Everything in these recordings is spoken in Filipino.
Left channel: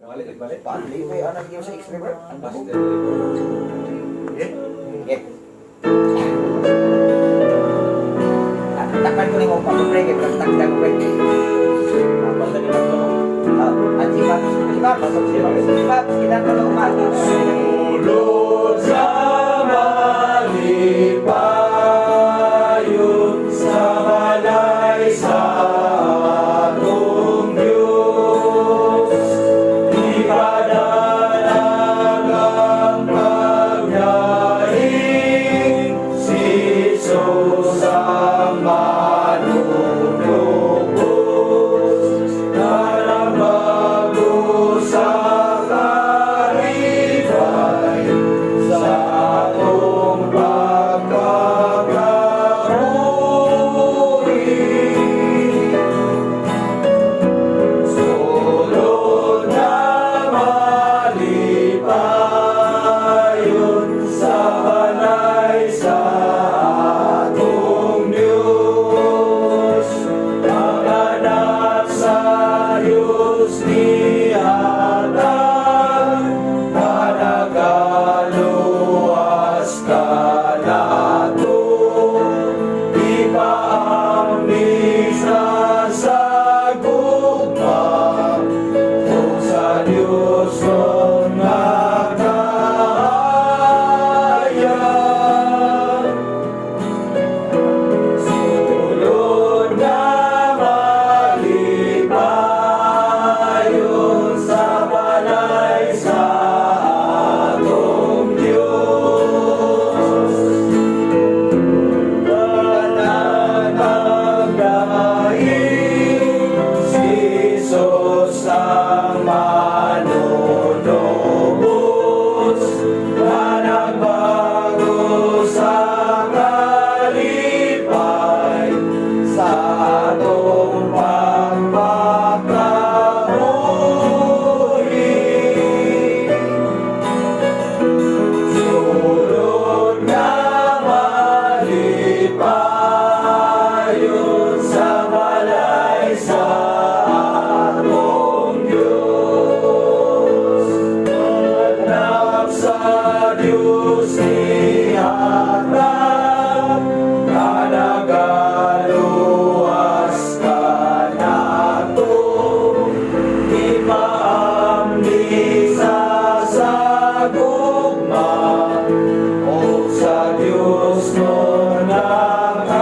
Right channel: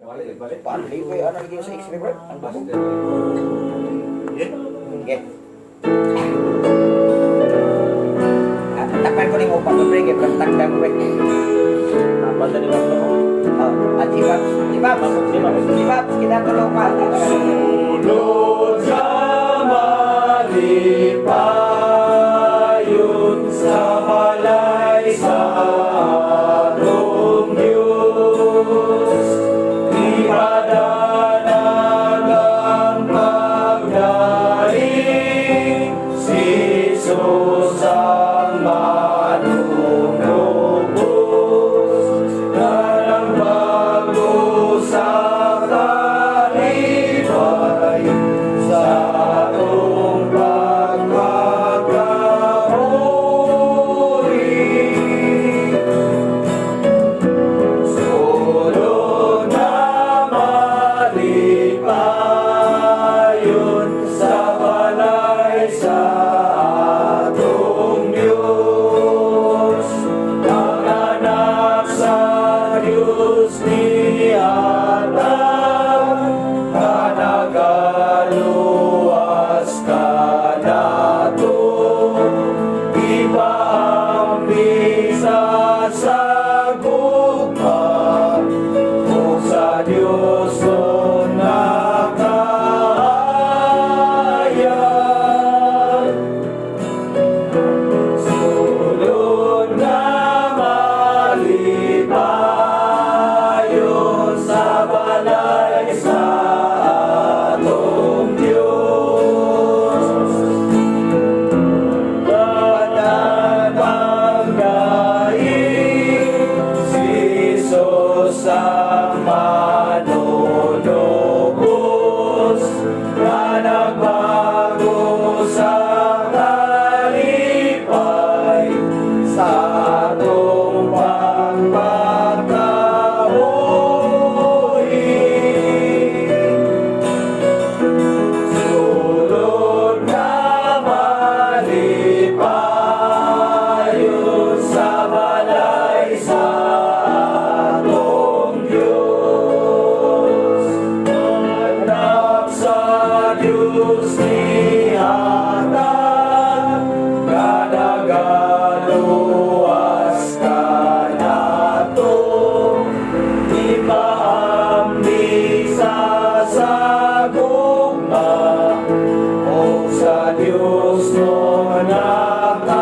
Balik. Paano? Libre. Ano lagi mo sa X-ray, bro? Ang babo. Okay. Takpan ko na yung upa ko, pre. Takdan ko, pre. Atibab. Kita ka na upa. Sulod sa malipayon sa halay sa atong Diyos. Ipadalagang pagdaing si Jesus ang manunubos. Parang bago sa karibay sa atong pagkakahuli. Sulod na malipayon sa balay sa atong Diyos. Ang anak sa Diyos ni Anak, panagaluwas ka nato. Ipaambisa sa gugma o sa Diyos o nakahayag. Sulod na malipayon sa balay sa atong Diyos. Panatanggain si Jesus ang manunubos na nagbago sa kalipay sa atong pagpapakahuli. Sulod na malipayon sa balay sa atong Diyos. Anak sa Diyos ni Anak, kanagaluwas ka nato. Ipaambisa sa gugma o sa Diyos no nakahayag.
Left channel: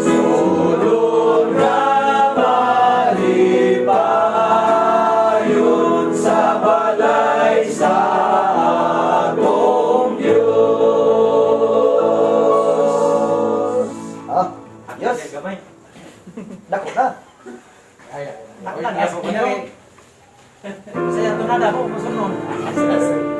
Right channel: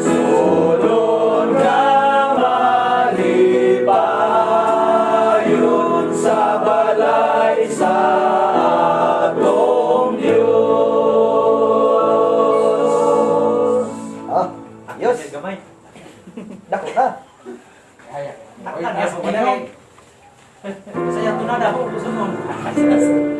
Sulod na malipayon sa balay sa atong Diyos. Ayos. Gamay. Dako ka. Ay, Takpan. Ayos. Saya tunada po, susunod.